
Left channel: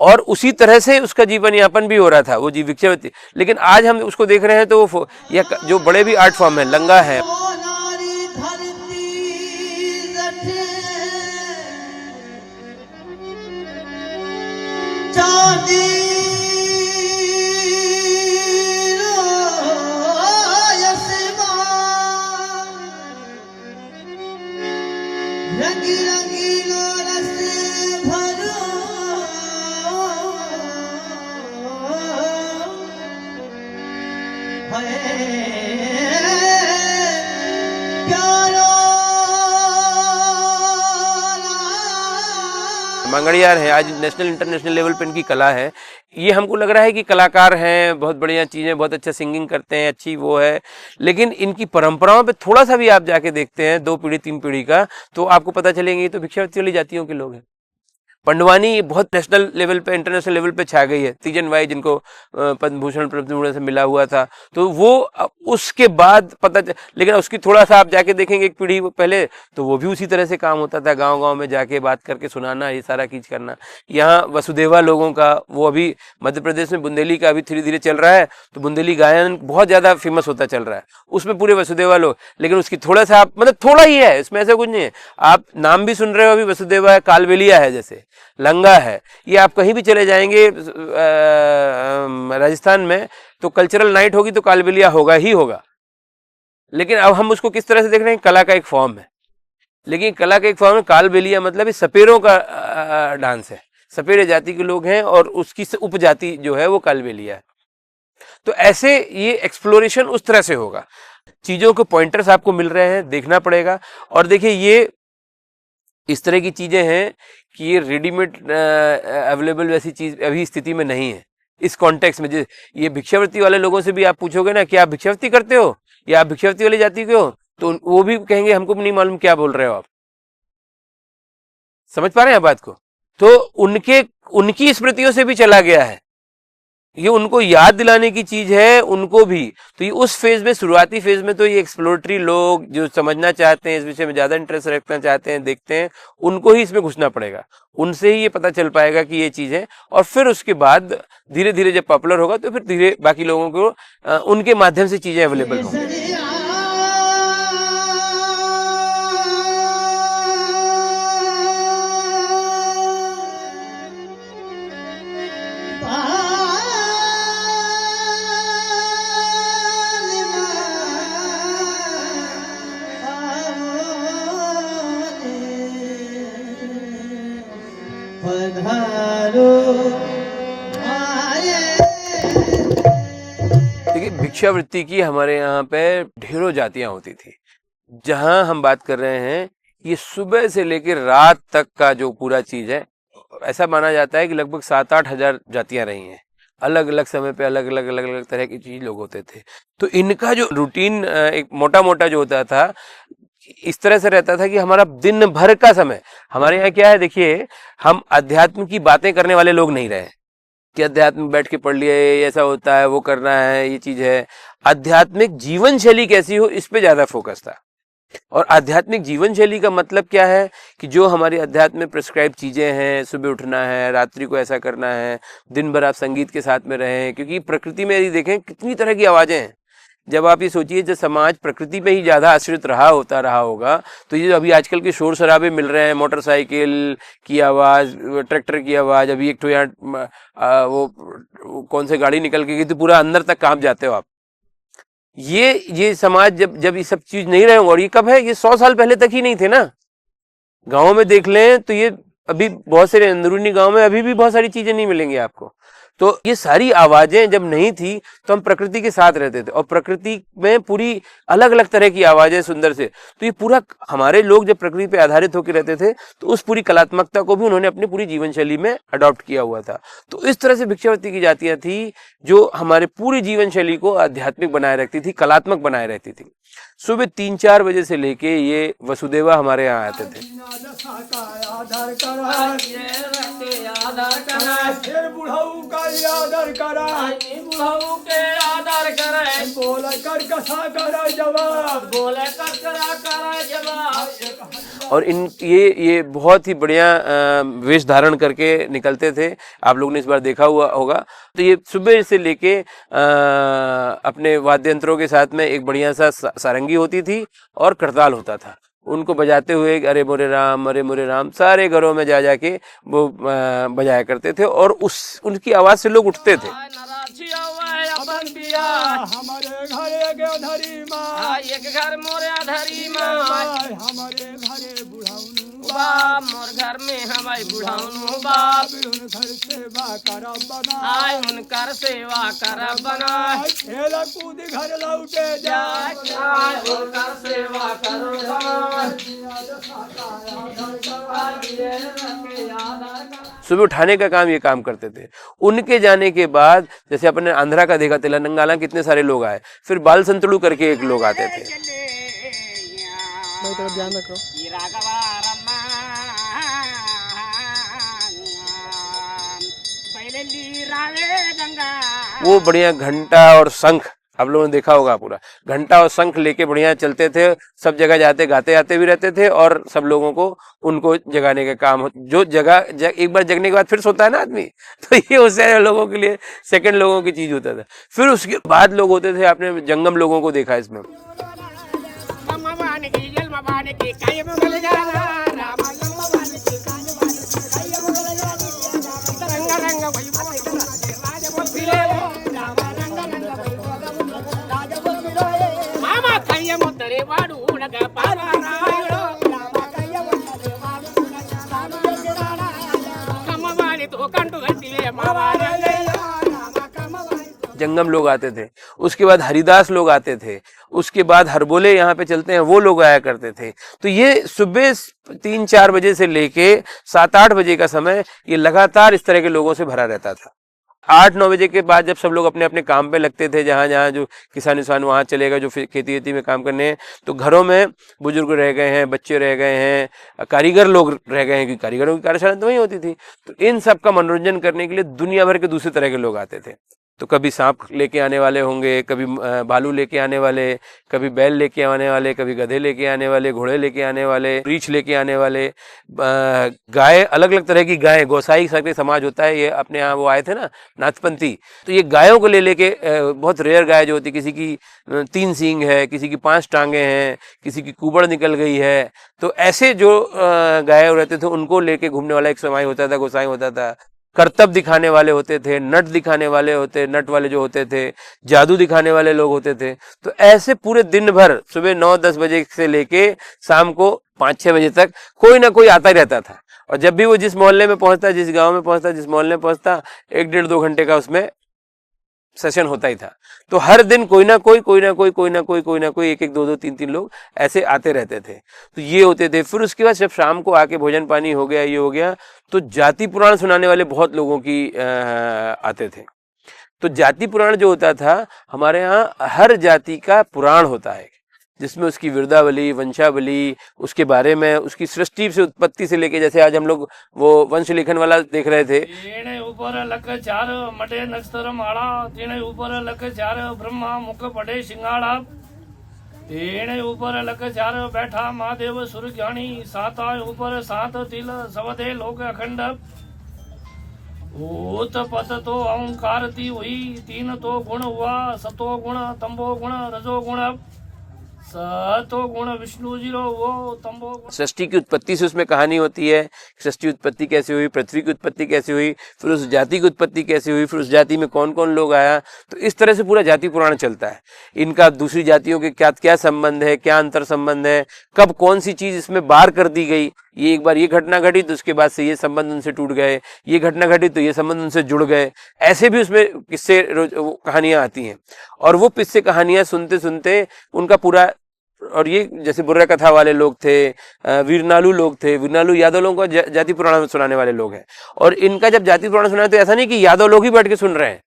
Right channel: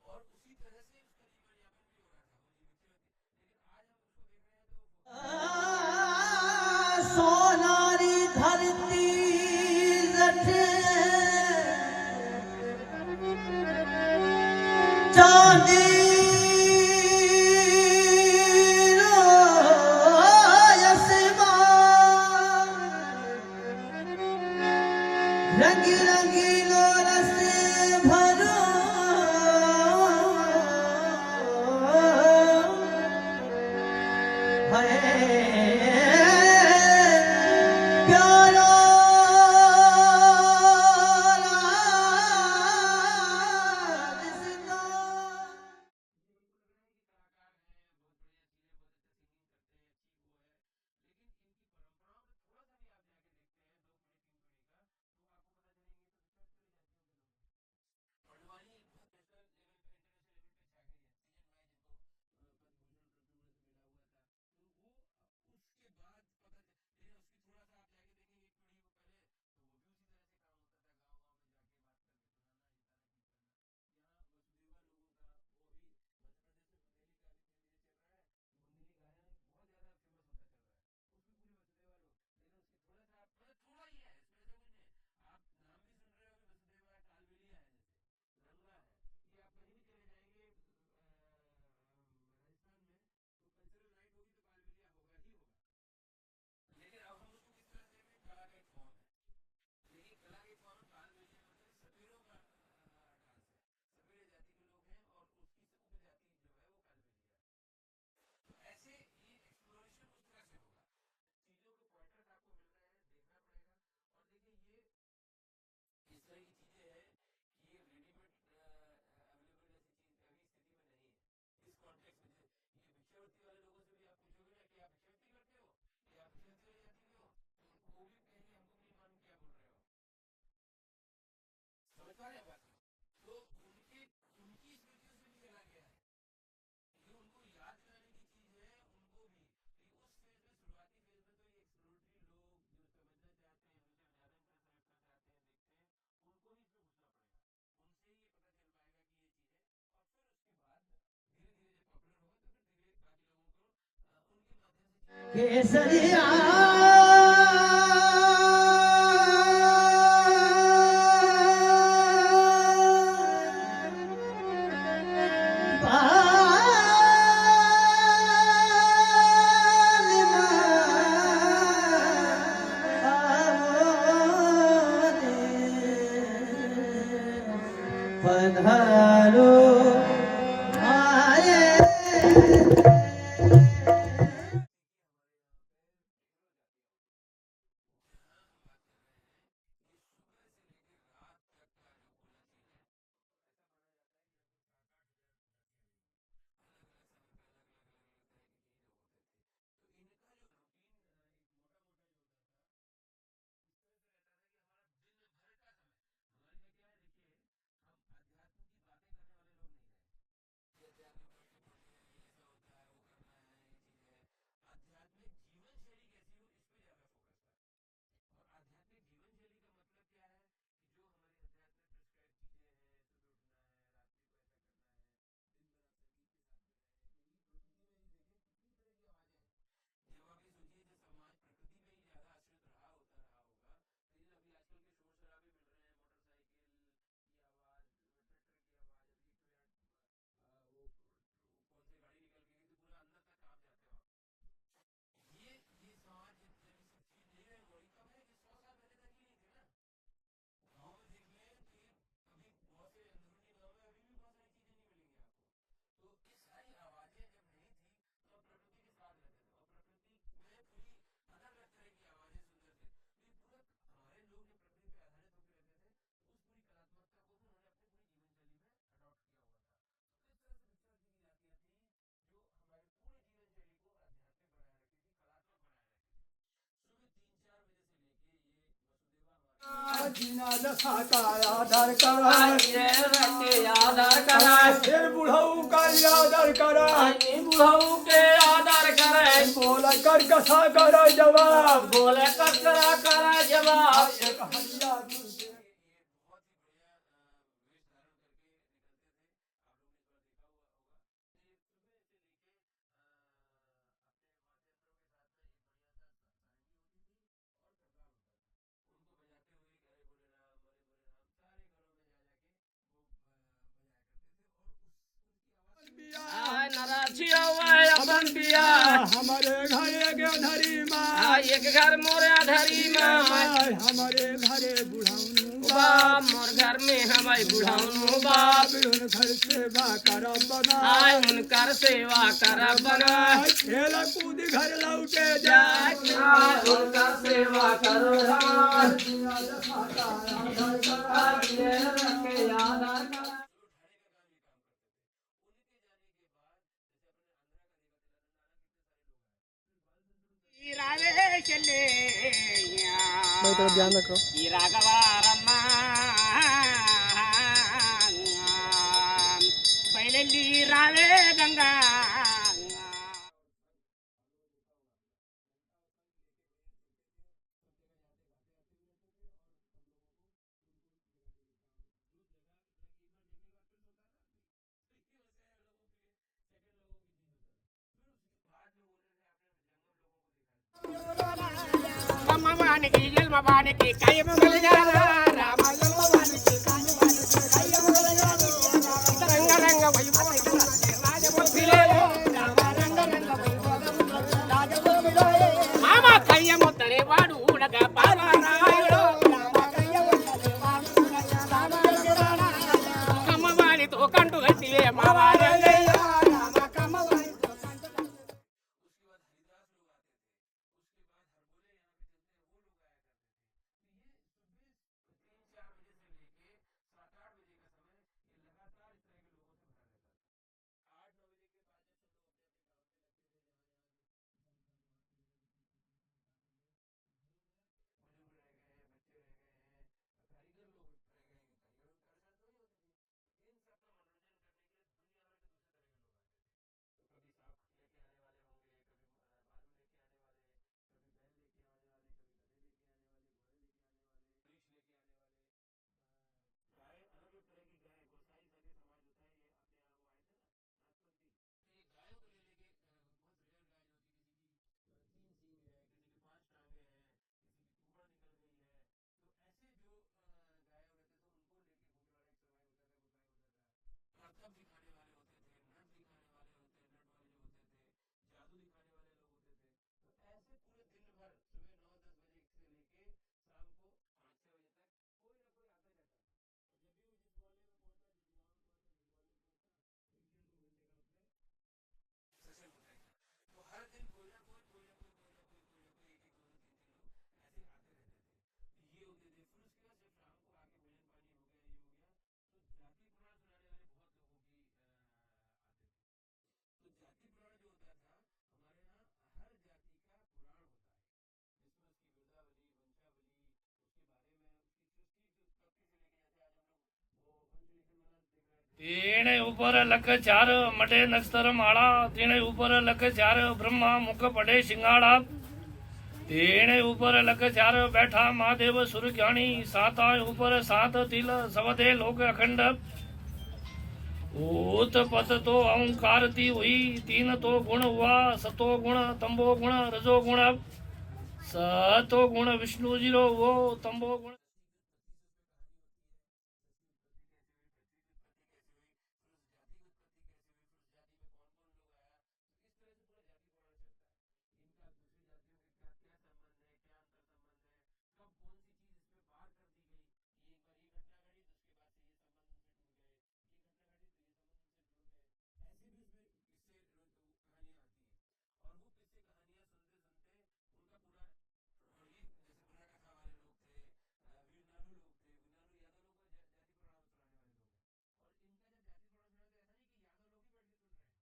और उसी तरह से उसका जीवन यापन भी हो रहा था, वो भिक्षावती। लेकिन आज हम उसको देख रहे हैं तो वो या जो बड़े भी आर्ट फॉर्म है, लंगा है, चांदी रंगी रंगीलो रस भरो मंगड़ियार है, आज नेशनल इंटरनेशनल लेवल पे इनकी कला है। ये हमको लग रहा है कि कलाकार हैं, बहुत बढ़िया चीज़ें, बहुत अच्छा सिंगिंग करते हैं, अच्छी वो है, लेकिन इनकी परंपराओं पे थोड़ा सा भी आप जाके देखते हैं 2 पीढ़ी 3 पीढ़ी का, तो आपको पता चलेंगे ये तो भिक्षावृत्ति वाली जातियों के लोग हैं। पंडवानी बहुत नेशनल लेवल पे, इंटरनेशनल लेवल पे छा गई है। तीजन बाई जिनको पद्म भूषण से मिला हुआ था, तो वो उसके बाद लेकिन उसकी थोड़ा सा आप जाके देखेंगे एक पीढ़ी पहले, तो वो भी उसी तरह से काम होता था, गांव-गांव में जाके बात करके सुनाना, ये सारा चीज करना। यहाँ वसुदेवा लोगों का, वो अभी मध्य प्रदेश में बुंदेली का अभी धीरे धीरे चल रहा है, तो बुंदेली गायन बहुत ज्यादा फेमस होता चल रहा है, उसमें पूरे वसुदेवा लोग, लेकिन उसकी थोड़ा सा आप मतलब थोड़ा ही है, इसमें ऐसा कुछ नहीं है। आप नाम भी सुन रहे हो अभी, वसुदेवा है, कालबेलिया है, जैसे लंगा है, ये आप कहीं भी चले जाएंगे राजस्थान में, तो कल्चरल नाइट होगी तो कालबेलिया होगा ही होगा। लेकिन अब हम उसको किस तरह से देख रहे हैं, कला का एक फॉर्म है, लेकिन कला का एक फॉर्म है। कालबेलिया मतलब ये सपेरों का डांस है, सपेरे जाति के लोग हैं और उसकी उपजाति जो है वो कालबेलिया है। तो ऐसे ये एक्सप्लोरेशन उस तरह से होगा, चीजों के पॉइंटर्स आपको मिल रहे हैं, देखना पड़ेगा। और देखिए ये इस तरह की चीजें हैं कि ये रेडीमेड अवेलेबल वैसी चीज अभी स्थिति में नहीं है इस कॉन्टेक्स्ट में। ये भिक्षावृत्ति वाले लोगों से भी आप पूछोगे ना कि आप भिक्षावृत्ति करते हो या आप भिक्षावृत्ति वाली जाति के हो, तो वो भी कहेंगे हमको भी नहीं मालूम क्या बोल रहे हो आप। समझ पा रहे हैं बात को? तो उनकी स्मृतियों से भी चला गया है, ये उनको याद दिलाने की चीज है उनको भी। तो ये उस फेज में, शुरुआती फेज में तो ये एक्सप्लोरेटरी लोग जो समझना चाहते हैं, इस विषय में ज्यादा इंटरेस्ट रखना चाहते हैं, देखते हैं, उनको ही इसमें घुसना पड़ेगा, उनसे ही ये पता चल पाएगा कि ये चीज है। और फिर उसके बाद धीरे धीरे जब पॉपुलर होगा तो फिर धीरे बाकी लोगों को उनके माध्यम से चीजें अवेलेबल होंगी। देखिए भिक्षावृत्ति की हमारे यहाँ पे ढेरों जातियां होती थी। जहां हम बात कर रहे हैं ये सुबह से लेकर रात तक का जो पूरा चीज है, ऐसा माना जाता है कि लगभग 7-8 हजार जातियां रही हैं, अलग अलग समय पे अलग अलग तरह की चीज लोग होते थे। तो इनका जो रूटीन एक मोटा मोटा जो होता था, इस तरह से रहता था कि हमारा दिन भर का समय, हमारे यहाँ क्या है देखिए, हम अध्यात्म की बातें करने वाले लोग नहीं रहे कि अध्यात्म बैठ के पढ़ लिए, ऐसा होता है, वो करना है, ये चीज है। आध्यात्मिक जीवन शैली कैसी हो, इस पे ज्यादा फोकस था। और आध्यात्मिक जीवन शैली का मतलब क्या है कि जो हमारी अध्यात्म में प्रिस्क्राइब चीजें हैं, सुबह उठना है, रात्रि को ऐसा करना है, दिन भर आप संगीत के साथ में रहें, क्योंकि प्रकृति में यदि देखें कितनी तरह की आवाजें हैं। जब आप ये सोचिए जब समाज प्रकृति पे ही ज्यादा आश्रित रहा होगा, तो ये अभी आजकल के शोर शराबे मिल रहे हैं, मोटरसाइकिल की आवाज, ट्रैक्टर की आवाज, अभी एक तो यहाँ वो कौन से गाड़ी निकल के गई तो पूरा अंदर तक कांप जाते हो आप। ये समाज जब ये सब चीज नहीं रहे, और ये कब है, ये 100 साल पहले तक ही नहीं थे ना। गाँव में देख लें तो ये अभी बहुत सारे अंदरूनी गाँव में अभी भी बहुत सारी चीजें नहीं मिलेंगी आपको। तो ये सारी आवाजें जब नहीं थी तो हम प्रकृति के साथ रहते थे, और प्रकृति में पूरी अलग अलग तरह की आवाजें सुंदर से, तो ये पूरा हमारे लोग जब प्रकृति पे आधारित होकर रहते थे तो उस पूरी कलात्मकता को भी उन्होंने अपनी पूरी जीवन शैली में अडॉप्ट किया हुआ था। तो इस तरह से भिक्षावृत्ति की जातियां थी जो हमारे पूरी जीवन शैली को आध्यात्मिक बनाए रखती थी, कलात्मक बनाए रहती थी। सुबह 3-4 बजे से लेके ये वसुदेवा हमारे यहाँ आते थे। और ये बहुत ही बढ़िया वेश धारण करके निकलते थे, आप लोगों ने इस बार देखा हुआ होगा। तो ये सुबह से लेके अपने वाद्य यंत्रों के साथ में एक बढ़िया सा सारंगी होती थी और करताल होता था, उनको बजाते हुए अरे मोरे राम सारे घरों में जा जाके वो बजाया करते थे और उनकी आवाज से लोग उठते थे। हमारे घरे धरी माँ, एक घर मोरे धरी माँ, हमारे घरे बुढ़ाऊनु बाप, मोर घर में हमारे बुढ़ाऊनु बाप, उनकर सेवा करब बना, उनकर सेवा करब बना, खेल कूद घर लौटे जाए, उनकर सेवा करब बना। सुबह उठाने का काम ये काम करते थे। उनके जाने के बाद जैसे अपने आंध्रा का देखा तेलंगाना कितने सारे लोग आए, फिर बाल संतड़ू करके एक लोग आते थे। ध्यान रखो। वो बढ़िया घंटा और शंख, आप लोगों ने देखा होगा, पूरा घंटा और शंख लेके बढ़िया चलते थे, सब जगह जाते गाते आते भी रहते थे और सब लोगों को उनको जगाने का काम जो एक बार जगने के बाद फिर सोता है ना आदमी, तो ये उससे लोगों के लिए सेकंड लोगों की चीज होता था। फिर उसके बाद लोग होते थे, आपने जंगम लोगों को देखा इसमें। जंगम लोग आते थे, उसके बाद हरिदास लोग आते थे, उसके बाद हरबोले यहाँ पे चलते हैं वो लोग आया करते थे। तो ये सुबह 3-4 बजे से लेके 7-8 बजे का समय ये लगातार इस तरह के लोगों से भरा रहता था। 8-9 बजे के बाद जब सब लोग अपने अपने काम पे लगते थे, जहाँ जहाँ जो किसान वहाँ चलेगा, जो खेती वेती में काम करने हैं, तो घरों में बुजुर्ग रह गए हैं, बच्चे रह गए हैं, कारीगर लोग रह गए हैं, क्योंकि कारीगरों की कार्यशाला तो वहीं होती थी। तो इन सब का मनोरंजन करने के लिए दुनिया भर के दूसरे तरह के लोग आते थे। तो कभी सांप लेके आने वाले होंगे, कभी भालू लेके आने वाले, कभी बैल लेके आने वाले, कभी गधे लेके आने वाले, घोड़े लेके आने वाले, रीछ लेके आने वाले, गाय, अलग अलग तरह की गाय, गोसाई सबके समाज होता है ये, अपने यहाँ वो आए थे ना नाथपंथी, तो ये गायों को लेके बहुत रेयर गाय जो होती, किसी की 3 सींग है, किसी की 5 टांगे हैं, किसी की कुबड़ निकल गई है, तो ऐसे जो गाय रहते थे उनको लेके घूमने वाला एक समाज होता था, गोसाई होता था। करतब दिखाने वाले होते थे, नट दिखाने वाले नट वाले जो होते थे, जादू दिखाने वाले लोग होते थे। तो ऐसे पूरे दिन भर सुबह 9-10 बजे से लेके शाम को 5-6 बजे तक कोई ना कोई आता ही रहता था। और जब भी वो जिस मोहल्ले में पहुंचता, जिस गांव में पहुंचता, जिस मोहल्ले में पहुंचता, 1-1.5-2 घंटे का उसमें सेशन होता ही था। तो हर दिन कोई ना कोई 1-1, 2-2, 3-3 लोग ऐसे आते रहते थे। तो ये होते थे। फिर उसके बाद जब शाम को आके भोजन पानी हो गया, ये हो गया, तो जाति पुराण सुनाने वाले बहुत लोगों की आते थे। तो जाति पुराण जो होता था, हमारे यहाँ हर जाति का पुराण होता है, जिसमें उसकी विरदावली, वंशावली, उसके बारे में, उसकी सृष्टि से, उत्पत्ति से लेके, जैसे आज हम लोग वो वंश लेखन वाला देख रहे थे। तीने ऊपर लख 4 मटे नक्षत्र माला, तीने ऊपर लख 4 ब्रह्मा मुख पड़े सिंगाड़ा, तीने ऊपर लख 4 बैठा महादेव सुर ज्ञानी, 7 ऊपर 7 तिल सवदे लोक अखंड, ऊत पत तो अहंकारती हुई, 3 तो गुण हुआ, सतो गुण, तंबो गुण, रजो गुण, सतो गुण, विष्णु जीरो वो, तंबो गुण। सृष्टि की उत्पत्ति से उसमें कहानी होती है, सृष्टि उत्पत्ति कैसे हुई, पृथ्वी की उत्पत्ति कैसे हुई, फिर उस जाति की उत्पत्ति कैसे हुई, फिर उस जाति में कौन कौन लोग आया। तो इस तरह से पूरा जाति पुराण चलता है। इनका दूसरी जातियों के क्या क्या संबंध है, क्या अंतर संबंध है, कब कौन सी चीज इसमें बार कर दी गई, ये एक बार ये घटना घटी तो उसके बाद से ये संबंध उनसे टूट गए, ये घटना घटी तो ये संबंध उनसे जुड़ गए। ऐसे भी उसमें किस्से कहानियां आती हैं। और वो किस्से कहानियां सुनते सुनते उनका पूरा, और ये जैसे बुर्रा कथा वाले लोग थे, वीरनालू लोग थे, वीरनालू यादव लोगों को जाति पुराण सुनाने वाले लोग हैं। और इनका जब जाति पुराण सुना तो ऐसा नहीं कि यादव लोग ही बैठ के सुन रहे हैं,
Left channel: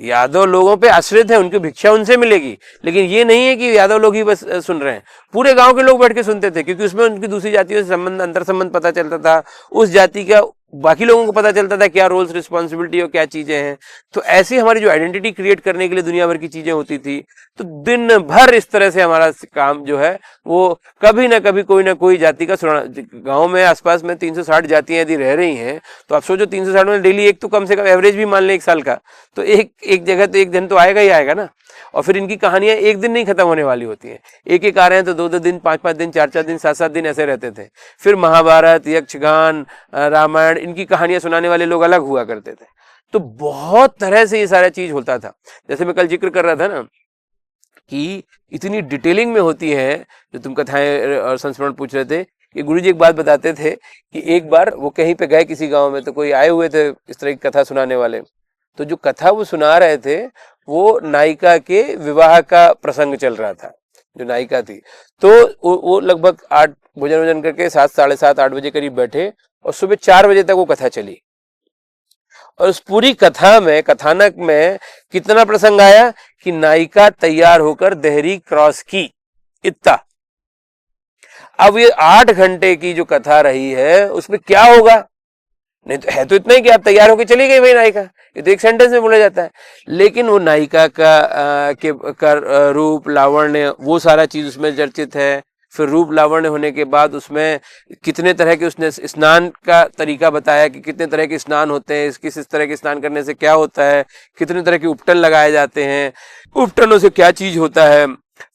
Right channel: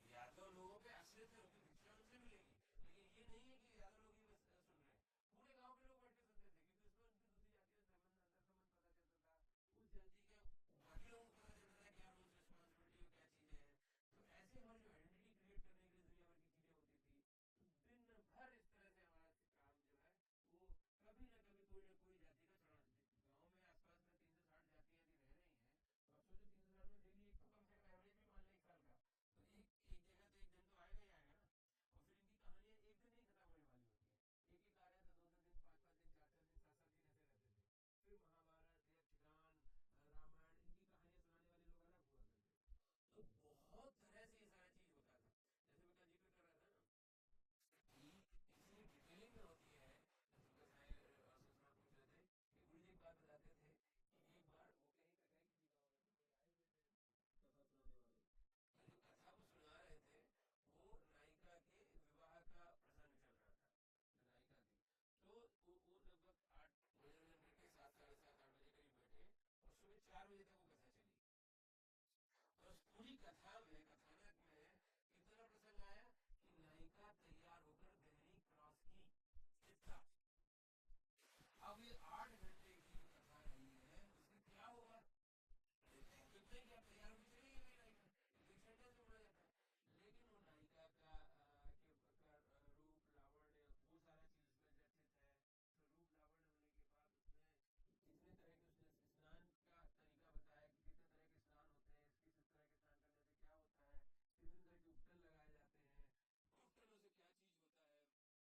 यादव लोगों पे आश्रित है, उनकी भिक्षा उनसे मिलेगी, लेकिन ये नहीं है कि यादव लोग ही बस सुन रहे हैं, पूरे गांव के लोग बैठ के सुनते थे, क्योंकि उसमें उनकी दूसरी जातियों से संबंध, अंतर संबंध पता चलता था, उस जाति का बाकी लोगों को पता चलता था क्या रोल्स रिस्पॉन्सिबिलिटी और क्या चीजें हैं। तो ऐसी हमारी जो आइडेंटिटी क्रिएट करने के लिए दुनिया भर की चीजें होती थी। तो दिन भर इस तरह से हमारा काम जो है वो कभी ना कभी कोई ना कोई जाति का सुना। गांव में आसपास में 360 जातियां यदि रह रही हैं तो आप सोचो 360 में डेली एक तो कम से कम एवरेज भी मान लें 1 साल का, तो एक जगह तो एक दिन तो आएगा ही आएगा ना। और फिर इनकी कहानियां एक दिन नहीं खत्म होने वाली होती हैं, एक आ रहे हैं तो 2-2 दिन, 5-5 दिन, 4-4 दिन, 7-7 दिन ऐसे रहते थे। फिर महाभारत, यक्षगान, रामायण, इनकी कहानियां सुनाने वाले लोग अलग हुआ करते थे। तो बहुत तरह से ये सारा चीज होता था। जैसे मैं कल जिक्र कर रहा था ना कि इतनी डिटेलिंग में होती है, जो तुम कथाएं और संस्मरण पूछ रहे थे, कि गुरुजी एक बात बताते थे कि एक बार वो कहीं पे गए किसी गांव में, तो कोई आए हुए थे इस तरह की कथा सुनाने वाले। तो जो कथा वो सुना रहे थे वो नायिका के विवाह का प्रसंग चल रहा था, जो नायिका थी। तो वो लगभग 8 भोजन करके 7, साढ़े 7, 8 बजे करीब बैठे और सुबह 4 बजे तक वो कथा चली। और उस पूरी कथा में, कथानक में कितना प्रसंग आया कि नायिका तैयार होकर देहरी क्रॉस की, इतना। अब ये 8 घंटे की जो कथा रही है उसमें क्या होगा? नहीं तो है तो इतना ही कि आप तैयार होकर चली गई भाई नायिका, ये तो एक सेंटेंस में बोला जाता है। लेकिन वो नायिका का रूप, लावण्य, वो सारा चीज उसमें चर्चित है। फिर रूप लावण्य होने के बाद उसमें कितने तरह के उसने स्नान का तरीका बताया कि कितने तरह के स्नान होते हैं, किस तरह के स्नान करने से क्या होता है, कितने तरह के उपटन लगाए जाते हैं, उपटनों से क्या चीज होता है।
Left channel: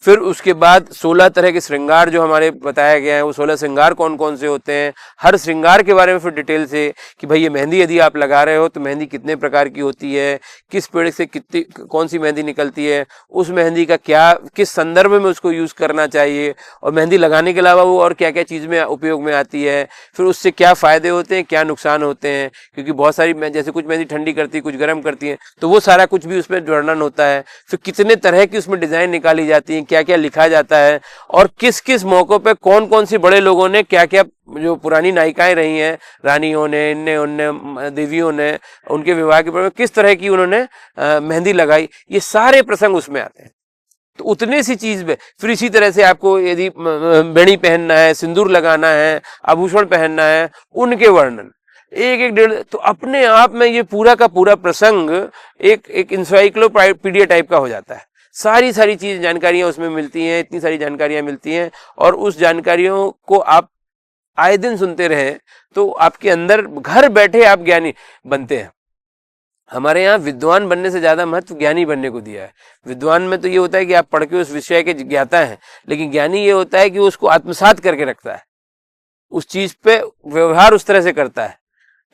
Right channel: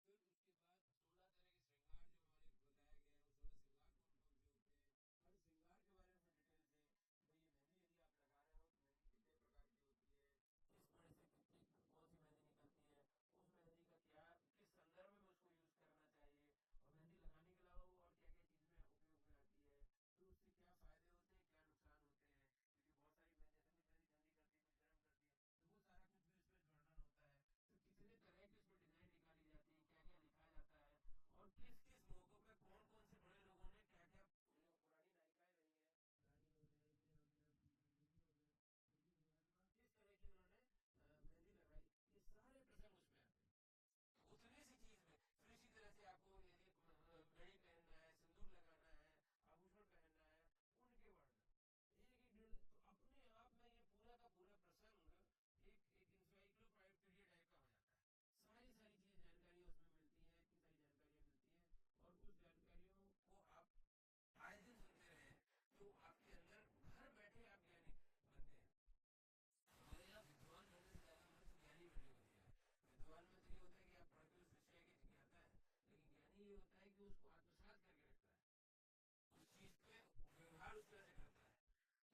फिर उसके बाद 16 तरह के श्रृंगार जो हमारे बताया गया है, वो 16 श्रृंगार कौन कौन से होते हैं, हर श्रृंगार के बारे में फिर डिटेल से कि भाई ये मेहंदी यदि आप लगा रहे हो तो मेहंदी कितने प्रकार की होती है, किस पेड़ से कितनी कौन सी मेहंदी निकलती है, उस मेहंदी का क्या किस संदर्भ में उसको यूज करना चाहिए, और मेहंदी लगाने के अलावा वो और क्या क्या चीज में उपयोग में आती है, फिर उससे क्या फायदे होते हैं, क्या नुकसान होते हैं। क्योंकि बहुत सारी जैसे कुछ मेहंदी ठंडी करती है, कुछ गर्म करती है, तो वो सारा कुछ भी उसमें वर्णन होता है। फिर कितने तरह की उसमें डिजाइन निकाली जाती है, क्या क्या लिखा जाता है, और किस किस मौकों पे कौन कौन सी बड़े लोगों ने क्या क्या, जो पुरानी नायिकाएं रही हैं, रानियों ने, इनने उनने, देवियों ने, उनके विवाह के किस तरह की उन्होंने मेहंदी लगाई, ये सारे प्रसंग उसमें आते हैं। तो उतने सी चीज में फिर इसी तरह से आपको यदि बेड़ी पहनना है, सिंदूर लगाना है, आभूषण पहनना है, उनके वर्णन एक 1.5। तो अपने आप में ये पूरा का पूरा प्रसंग एक इंसाइक्लोपीडिया टाइप का हो जाता है। सारी चीज जानकारियां उसमें मिलती हैं, इतनी सारी जानकारियां मिलती हैं, और उस जानकारियों को आप आए दिन सुनते रहे तो आपके अंदर घर बैठे आप ज्ञानी बनते हैं। हमारे यहाँ विद्वान बनने से ज्यादा महत्व ज्ञानी बनने को दिया है। विद्वान में तो ये होता है कि आप पढ़ के उस विषय के ज्ञाता हैं, लेकिन ज्ञानी ये होता है कि उसको आत्मसात करके रखता है, उस चीज पे व्यवहार उस तरह से करता है।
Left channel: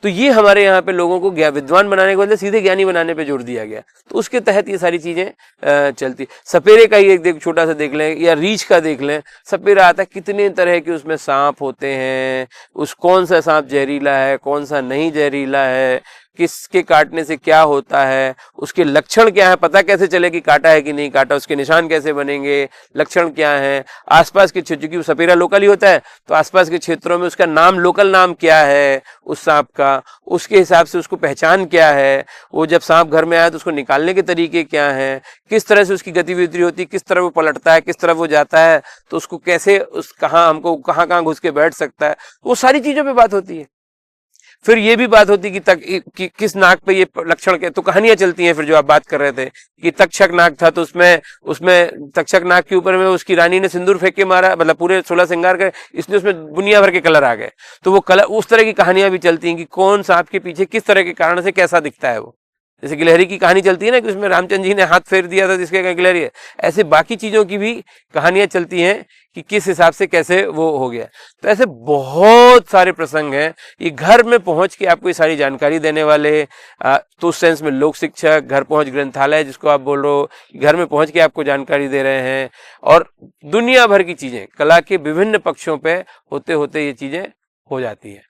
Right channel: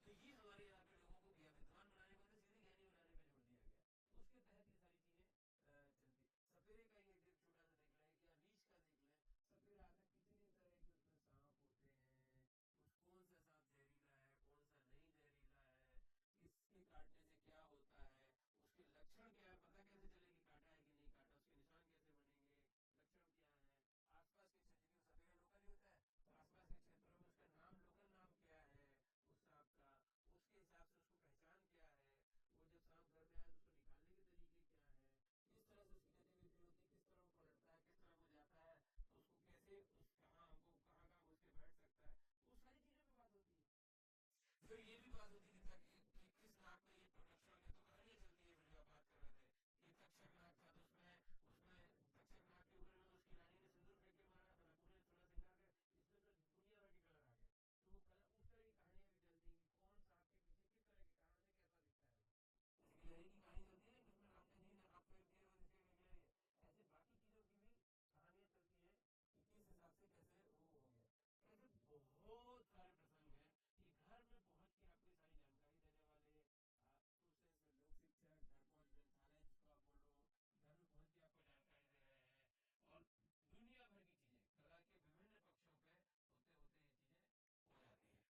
तो ये हमारे यहाँ पे लोगों को विद्वान बनाने के बदले सीधे ज्ञानी बनाने पे जोर दिया गया। तो उसके तहत ये सारी चीजें चलती। सपेरे का ही एक छोटा सा देख लें, या रीछ का देख लें। सपेरा आता है, कितने तरह के उसमें सांप होते हैं, उस कौन सा सांप जहरीला है, कौन सा नहीं जहरीला है, किसके काटने से क्या होता है, उसके लक्षण क्या है, पता कैसे चले कि काटा है कि नहीं काटा, उसके निशान कैसे बनेंगे, लक्षण क्या है, आसपास के क्षेत्र, क्योंकि सपेरा लोकल ही होता है तो आसपास के क्षेत्रों में उसका नाम, लोकल नाम क्या है उस सांप का, उसके हिसाब से उसको पहचान क्या है, वो जब सांप घर में आया तो उसको निकालने के तरीके क्या हैं, किस तरह से उसकी गतिविधि होती है, किस तरह वो पलटता है, किस तरह वो जाता है, तो उसको कैसे हमको कहाँ घुस के बैठ सकता है, वो सारी चीजों पे बात होती है। फिर ये भी बात होती कि किस नाक पे ये लक्षण के, तो कहानियां चलती हैं। फिर जो आप बात कर रहे थे कि तक्षक नाक था, तो उसमें तक्षक नाक के ऊपर में उसकी रानी ने सिंदूर फेंक के मारा, मतलब पूरे 16 श्रृंगार के, इसलिए उसमें दुनिया भर के कलर आ गए। तो वो कलर, उस तरह की कहानियां भी चलती हैं कि कौन सांप के पीछे किस तरह के कारण से कैसा दिखता है वो। जैसे गिलहरी की कहानी चलती है ना कि उसमें रामचंद्र जी ने हाथ फेर दिया था जिसके गिलहरी है, ऐसे बाकी चीजों की भी कहानियां चलती हैं कि किस हिसाब से कैसे वो हो गया। तो ऐसे बहुत सारे प्रसंग हैं, ये घर में पहुंच के आपको ये सारी जानकारी देने वाले, तो उस सेंस में लोक शिक्षक, घर पहुंच ग्रंथालय जिसको आप बोल रहे हो, घर में पहुंच के आपको जानकारी दे रहे हैं, और दुनिया भर की चीजें कला के विभिन्न पक्षों पे होते होते ये चीजें हो जाती है।